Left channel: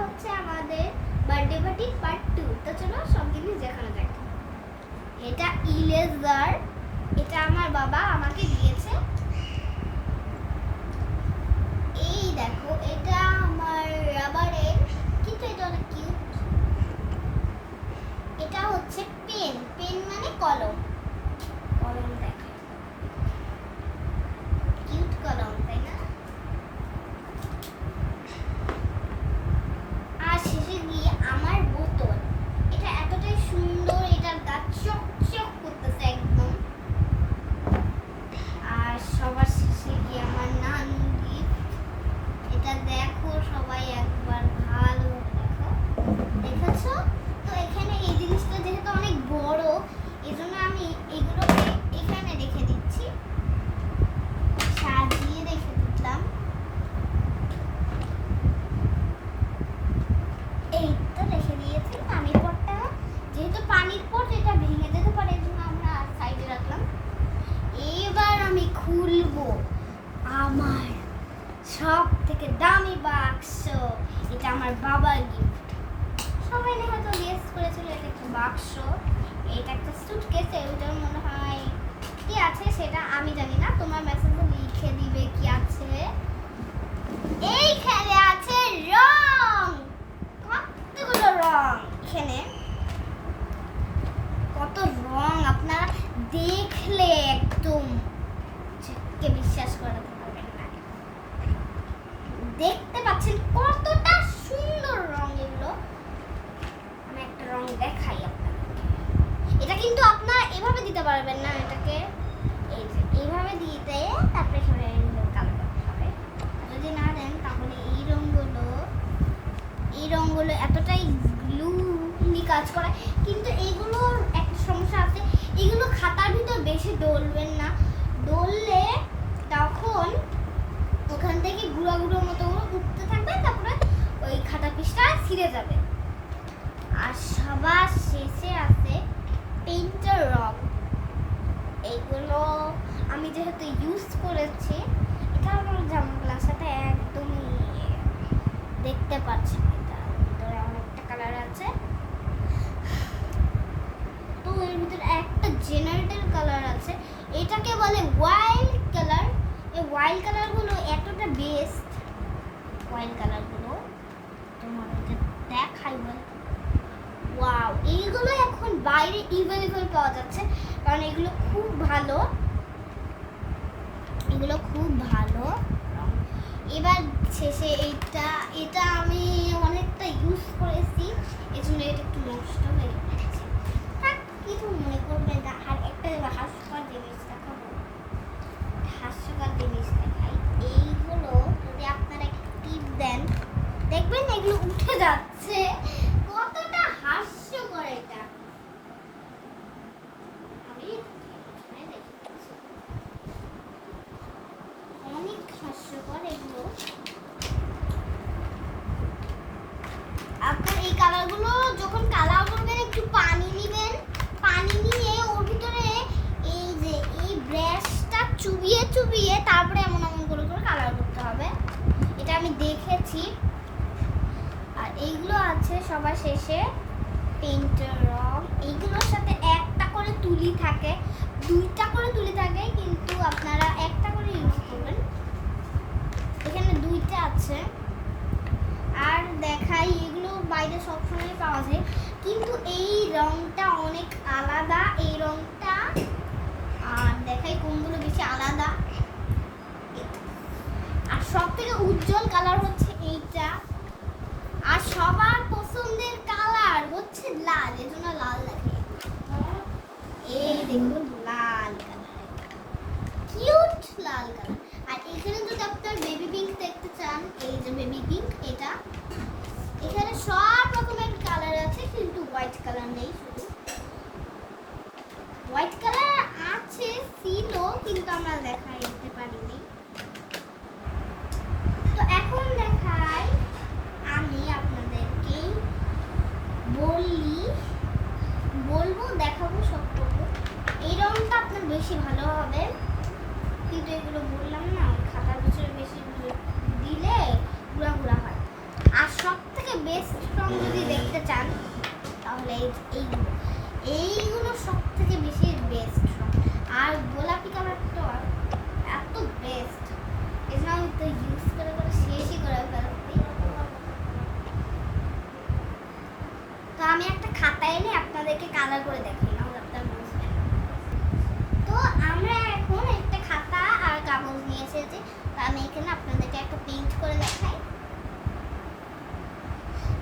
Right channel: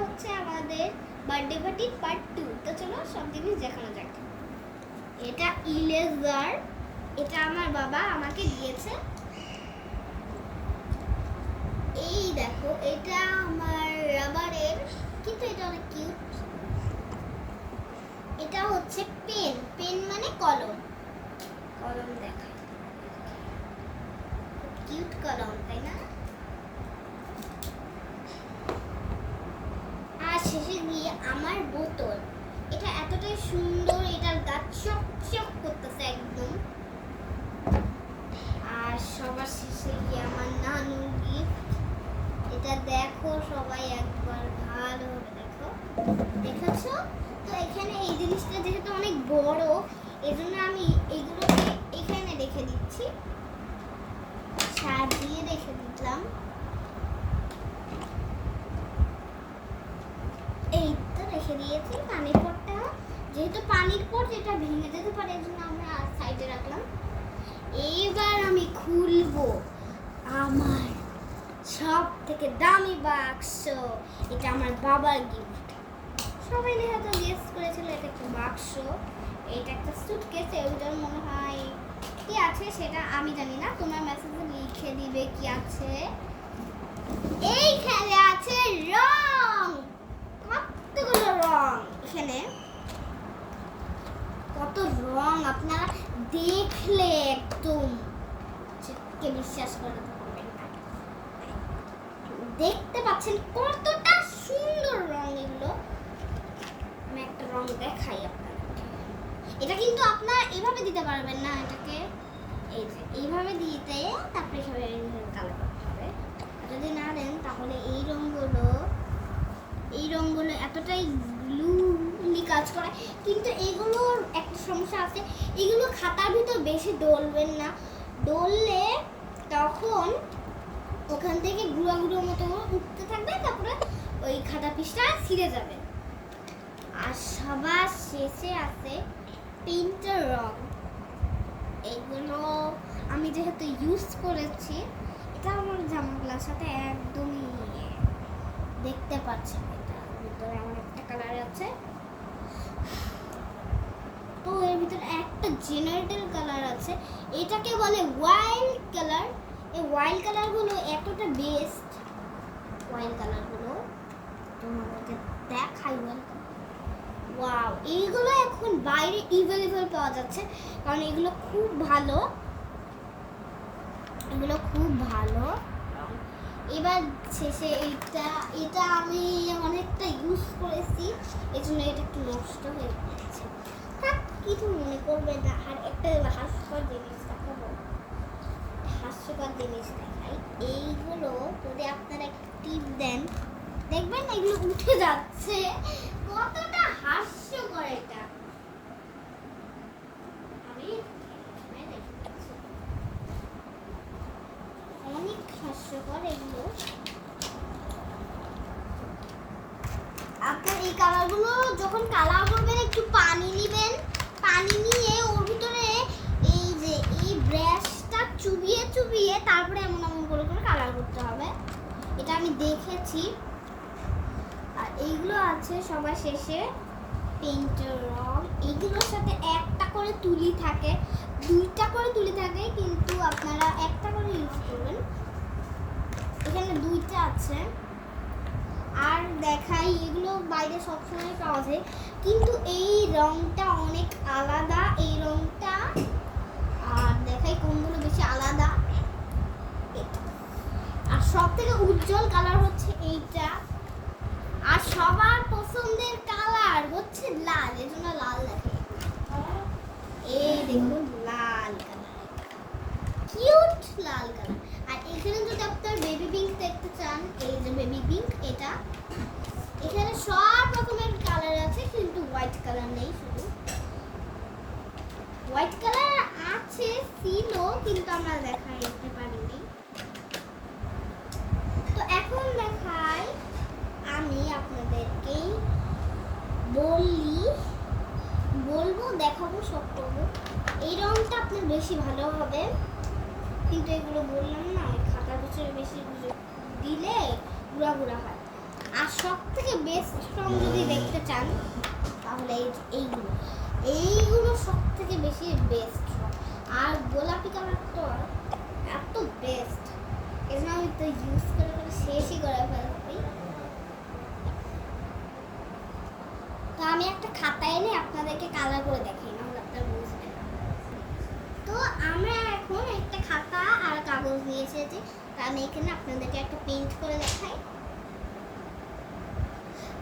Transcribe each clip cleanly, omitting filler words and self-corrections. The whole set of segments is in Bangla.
হচ্ছে আমাদের বার্থডে পার্টি পার্ট 2। তো চলো সব জিনিস দেখানো যাক। এটা ইরেজার, এটা আমার বাবা আমাকে দিয়েছে। এই দেখো, এটা আমার রাবারের, কিন্তু এটা অনেক কিউট। এটা হচ্ছে পেন, পেন মানে কলম, কলম দেখা কিউট কলম, তাই না? আর শেষে গিয়ে আমার বোতল, এটা এতটাই সুন্দর, এটার গাছ চকচক করতেছে একদম। আর সবার শেষে গিয়ে আমার নানু গিফট, এটা দেখো সবাই একবার ভালো দেখো, দেখেছো তো? এখানে এই জিনিসটা যেহেতু অনেক বড়, এজন্য আমি এগুলোকে এখানে রেখে দিচ্ছি, সাজিয়ে রেখে দিলাম। এই তো রেখে দিয়েছি। পানির পটটা, যেহেতু পানির পট এটা ভেঙে যেতে পারে, এজন্য আমরা সাইডে রাখলাম। এবার আমি খুলবো আমার সব থেকে দামি বাক্স। এটা আমার বাবার গিফট। সবাই হয়তো গেস করেছিল এটা একটা বাক্স, এটা একটা সুটকেস। এর ভিতরে মনে হয় কি আছে সেটা আমি জানি না, তোমরা মেসেজে লিখে দিবে কি আছে। এইখানে আছে রং, কতগুলো রং। এখানে কত রং, আপনারা দেখলে একদম বিশ্বাস করাতে পারবেন না। দেখতে পাচ্ছেন কতটা সুন্দর রং এগুলো। আমি একটা রং দেখাই আপনাদেরকে। এটা কিন্তু আপনারা এভাবে দিতে পারবেন না, এটাকে এই যে এইভাবে দিতে, তারপরে এভাবে কালো করতে হবে। যদি না দেন তাহলে এই রংগুলো এতটাই গ্লুলি কাজ করে। কিন্তু এইগুলোর একটা সমস্যা আছে, এগুলো খাতার ভিতর বেশি ডলবেন না, ডললে তখন ওখান থেকে গুঁড়া গুঁড়ো মতো উঠতে থাকবে, তারপরে ওই খাতা পিসটা ছিঁড়ে যাবে। আর সবার শেষে আছে পেইন্টের রং। এগুলো আমি যেহেতু ইউজ করেছি, এটা আমার জামাগুলোর সাথে একদমই দেখতে পাচ্ছি। এটা ভিতরে অনেকটা কালার আছে, তো এর ভিতরে একটা জেনারেটর কালার আছে, এটাকে বলে ওয়াইল্ড কালার। এই ওয়াইল্ড কালারগুলো এতটা বেস্ট, ওয়াইল্ড কালারগুলো তোমাদেরকে দেখাই। ওয়াও, এইগুলো এখন বাইরে अवेलेबल পাওয়া যাচ্ছে, কারণ এগুলো খুব ভালো, এগুলো খুব ভালো। এবার শেষে এটা আমি অনেকটা ইউজ করেছি, এজন্য এটা একটু নষ্ট হয়ে গেছে। থাক, কিছু মনে করবে না। আর একটা হাস্যকর জিনিস দেখাবো, হাস্যকর জিনিস দেখাই। এইগুলো যদি আপনারা টিপ দেন, দেখবেন এগুলো উঠে যাচ্ছে। কতটা হাস্যকর এটা! অনেক হাস্যকর এগুলো। আপনার এই কালারগুলো যখন কালার করবেন, একটু পানি নেবেন, পানি নিয়ে ওর ভিতরে এই যে এই ব্রাশটা চুবিয়ে চুবিয়ে তারপরে এমন এমন করে করে কালার করতে হবে। এটা আমি দেখেছি। আর এইগুলো আছে সবার শেষে পেইন্টের রং। এইগুলোর সাথে একটা করে তুলি থাকে, দুইটা করে তুলি থাকে, কিন্তু আপনারা একটা করে ইউজ করবেন। এখানে দুইটা আছে। আর দেখাই, এগুলো বাইরে সবসময় পাওয়া যায়, কিন্তু এই রংটা অনেক আলাদা, এই রংটা। আর দেখাই কোনগুলো বেশি আলাদা। আর সব থেকে উজ্জ্বল কালার হচ্ছে এইটা। আর সবার পছন্দের কালার হচ্ছে লাল, এজন্য লাল লাগে। এই দেখুন লাল কালার, কিউট লাল কালার। আর এখানে যদি আপনার বেবি পিঙ্ক দেখতে চান, এই যে বেবি পিঙ্ক, এটা এখানে সব রকমের কালার আছে, কিন্তু হোয়াইট কালার নেই। শুধু হোয়াইট কালার আছে, ছিল, কিন্তু আমরা দেখাইতে পারিনি। তো এখন দেখাই, আমি আপনাদেরকে বলবো, দেখাবো, সব করবো। এই রংটা আপনার বেশি ভালো হবে, কিন্তু এগুলো বললাম না, খাতার ভিতরে বেশি দিলে গুঁড়া গুঁড়া হয়। আর সব থেকে বেস্ট রং যদি দেখতে চান তাহলে এইগুলো এইগুলো সব থেকে বেশি বেস্ট রং। আর গোলাপি কালারটা এত বেস্ট, এই জন্য আমি তো ইউজ করে শেষই করে ফেলছি। তো আমি একটা খাতা এনে আপনাদেরকে কালার করে দেখাই, নাহলে আপনারা বুঝবেন। তো আমরা এখন একটা খাতা আর কাগজ নিয়ে এসেছি। তো আমি এখানে আপনাদেরকে একটা পেইন্ট করে দেখাই।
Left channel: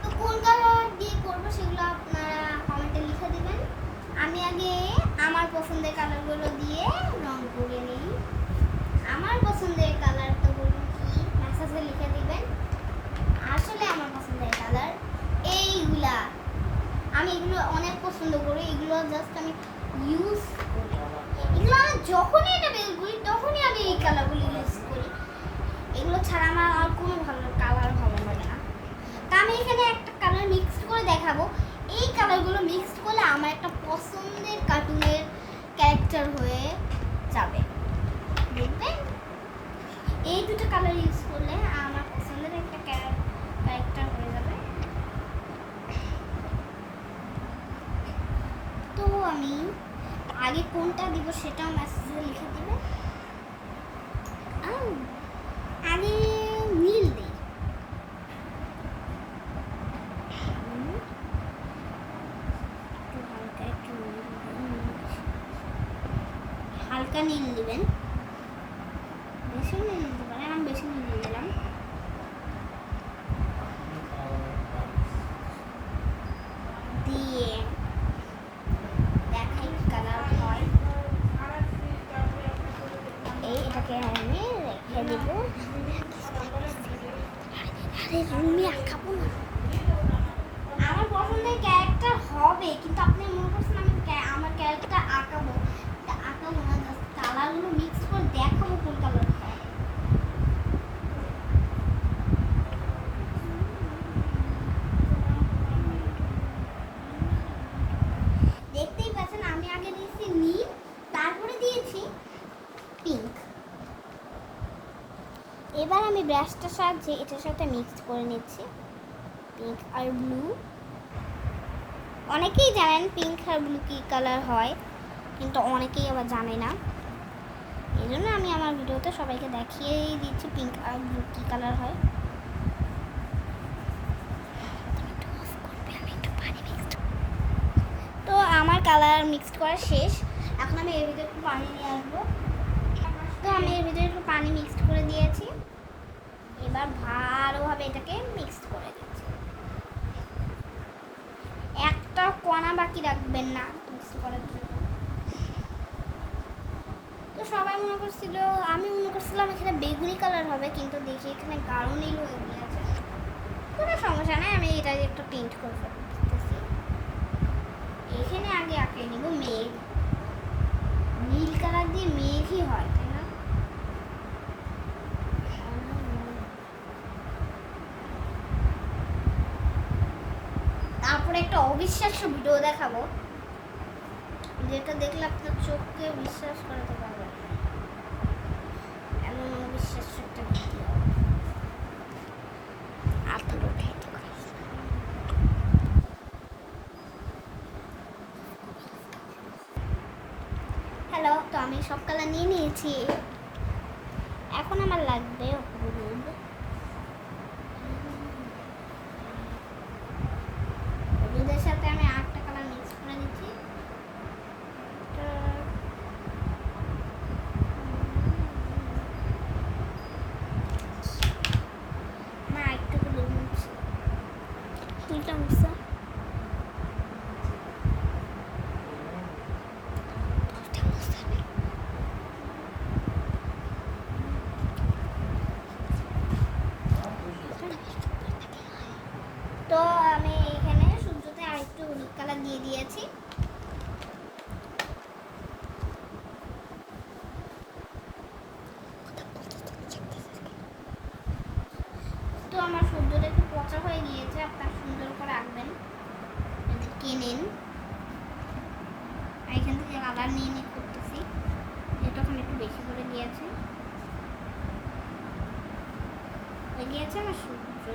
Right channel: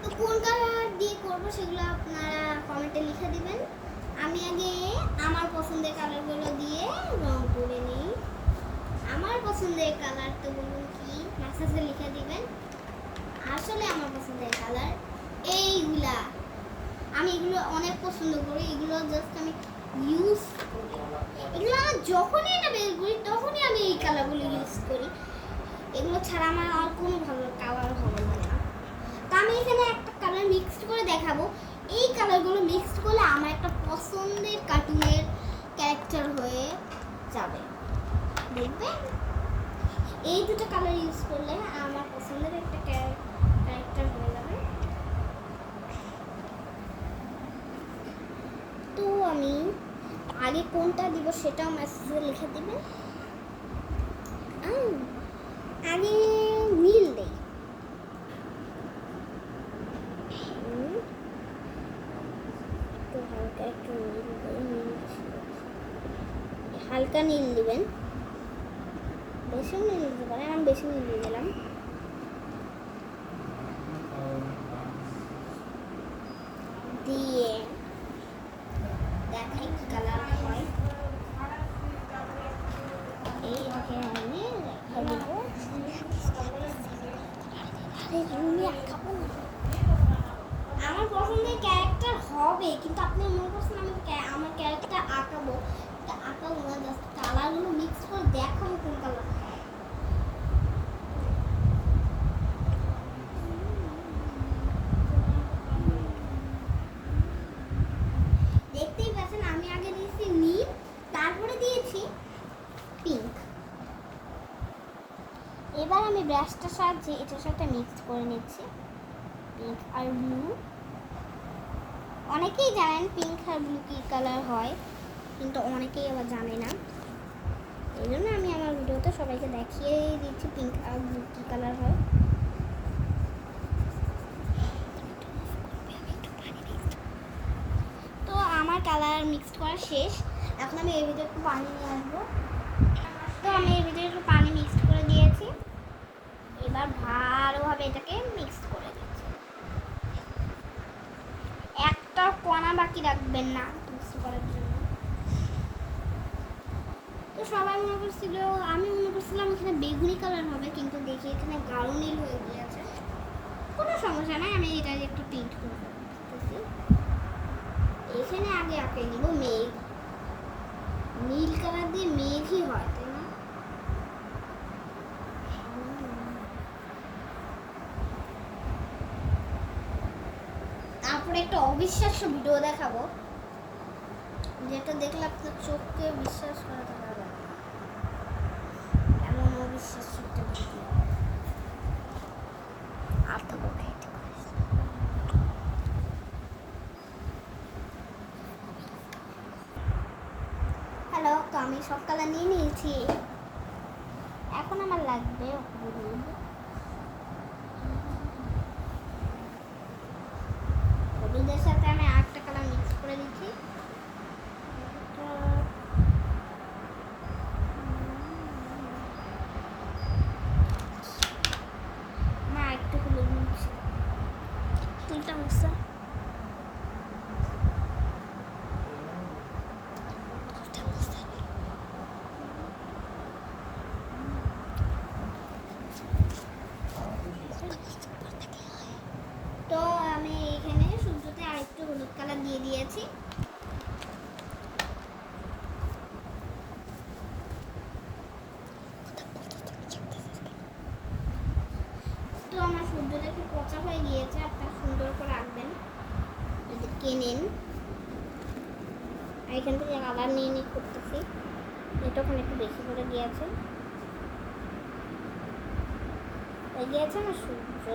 তো কোন কালার দিয়ে করবো সেগুলো আপনারা কমেন্টে লিখে দিবেন। আমি আগে আমার পছন্দের কালারগুলো দিয়ে রং করে নিই। আমার পছন্দের কালারটা বলুন কি, মেসেজে লিখে দিবেন। আসলে আমার পছন্দের কালার এইগুলা, আমি এগুলো অনেক পছন্দ করি। এগুলো জাস্ট আমি ইউজ করি, এগুলো যখনই এটা বের করি তখনই আমি এই কালারগুলো ইউজ করি। এগুলো ছাড়া আমার আর কোনো ভালো কালার ভালো লাগে না। তা আমি এখানে একটা কালার মিক্সড করে দেখাবো। এই কালারগুলো মিক্সড করলে আমার একটা পছন্দের কার্টুনের ক্যারেক্টার হয়ে যাবে, দেখবেন। এই দুটো কালার ইউজ করলে আমার পছন্দের একটা ক্যারেক্টার হয়ে যাবে। তো আমি আগে কোনটা দিব সেটাও মেসেজে লিখে দিবে। আগে নীল দেই, হালকা নীল দিবেন, বেশি নীল দিবেন। আমি বেশি নীল দিলাম। দিয়ে দেখাই কি কালার হয়। এইটাকে আমি রেখে দিব। আরে রুমে আঁকাবো না, আমার পছন্দের ক্যারেক্টার হবে, কিন্তু আপনি মনে করছেন আমি আমার ক্যারেক্টার আঁকাবো, তা আঁকাবো না, জাস্ট কালারগুলো মিক্স করে দেখাবো কোন কালার। দেখতেই পাচ্ছেন আমি আগে দিয়েছি নীল, তারপরে দিয়েছি পিঙ্ক। এবার আমি ব্রাশটার সাহায্যে এটার সাথে মিক্স করে নিচ্ছি পিঙ্ক আর ব্লু। অনেকেই জানেন পিঙ্ক আর ব্লু কী কালার হয়, কিন্তু অনেকেই আবার জানে না। এই জন্য আমি আমার ভিডিওতে সবাইকে দেখিয়েই দিচ্ছি পিঙ্ক আর ব্লু কী কালার হয়। তো আমার কালার মিক্সড করা শেষ। এখন আমি এর ভিতরে একটু পানি নিয়ে আসবো। তো আমি এর ভিতরে একটু পানি মিক্সড করে দিয়েছি। এবার ভালোভাবে এটাকে মিক্সড করে দিচ্ছি। একটা কণা বাকি রাখবেন না মিক্স করার জন্য। তো সবাই মনে করছিল, আমি মনে করছিলাম এখানে বেগুনি কালার হবে, কিন্তু দেখি এখানে গাঢ় নীল হয়ে গিয়েছে। কোনো সমস্যা নাই, আমি এটা একটা পেইন্ট করে দিচ্ছি। এখানে আগে আঁকে নিব মেঘ। নীল কালার দিয়ে মেঘই হয়, তাই না? তারপরে একটা অবিশ্বাস্য ভিডিও দেখাবো, যেটা দেখলে আপনার চোখকে বিশ্বাস করাতে পারবে না, এমন অবিশ্বাস্য একটা ভিডিও। হ্যালো, তো আমি সব কালার নিয়ে নিয়েছি। এখন আমার লাগবে হলুদ। হলুদের সাথে আমি আরেকটা কালার মিক্স করে দিচ্ছি। মা একটু হলুদ মিক্স ফুলটা মুসা। তো আমি এখানে সূর্যতে আরেকটু হলুদ কালার দিয়ে দিয়েছি। তো আমার সূর্যটা একটু পচা হয়ে গিয়েছে, আপনার সুন্দর করে রাখবেন। এটা কেনেন, এখান থেকে কালার নিয়ে নিয়ে করতেছি। এটা ওখানে একটু বেশি করে গিয়েছে আমার সূর্য।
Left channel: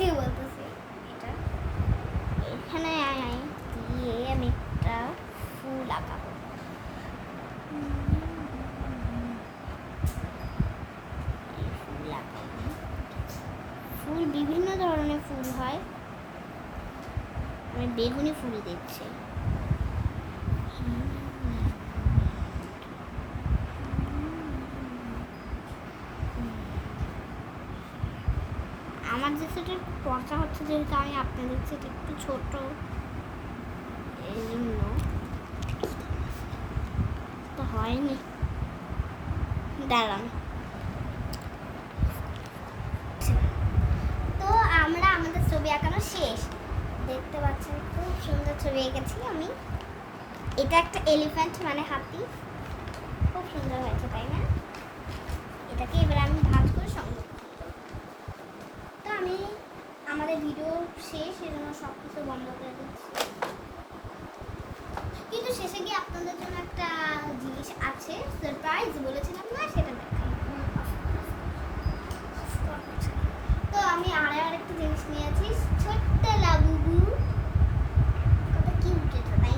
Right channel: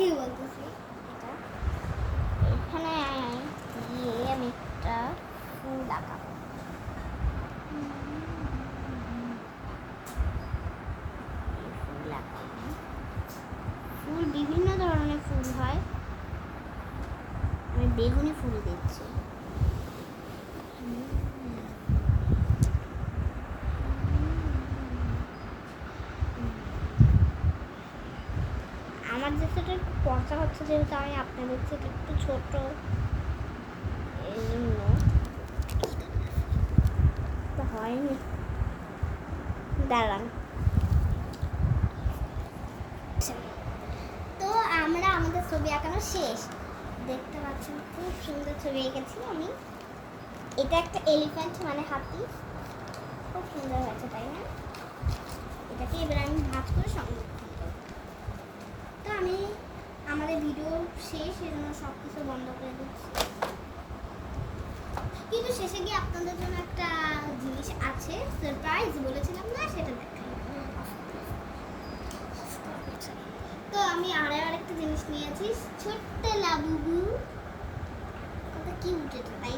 কি বলতেছি এটা এখানে দিয়ে আমি একটা ফুল আঁকাবো। ফুল বিভিন্ন ধরনের ফুল হয়, আমি বেগুনি ফুল দিচ্ছি। আমার যে সেটা একটু পচা হচ্ছে, যেহেতু আমি আপনাদের সেটা একটু ছোট, এই জন্য তো হয়নি। দাঁড়ান, তো আমরা আমাদের ছবি আঁকানো শেষ, দেখতে পাচ্ছেন খুব সুন্দর ছবি এঁকেছি আমি। এটা একটা এলিফ্যান্ট মানে হাতি, খুব সুন্দর হয়েছে তাই না? এটাকে এবার আমি ভাঁজ করে সংরক্ষণ করব। তো আমি আমাদের ভিডিও শেষ, এজন্য সব কিছু বন্ধ করে দিচ্ছি, কিন্তু শেষে গিয়ে আপনাদের জন্য একটা জিনিস আছে, সারপ্রাইজ বলেছিলাম না, সেটা দেখাই। তো আমি আরেকটা জিনিস নিয়েছি, ছোট্ট লাবুবু, কত কিউট এটা তাই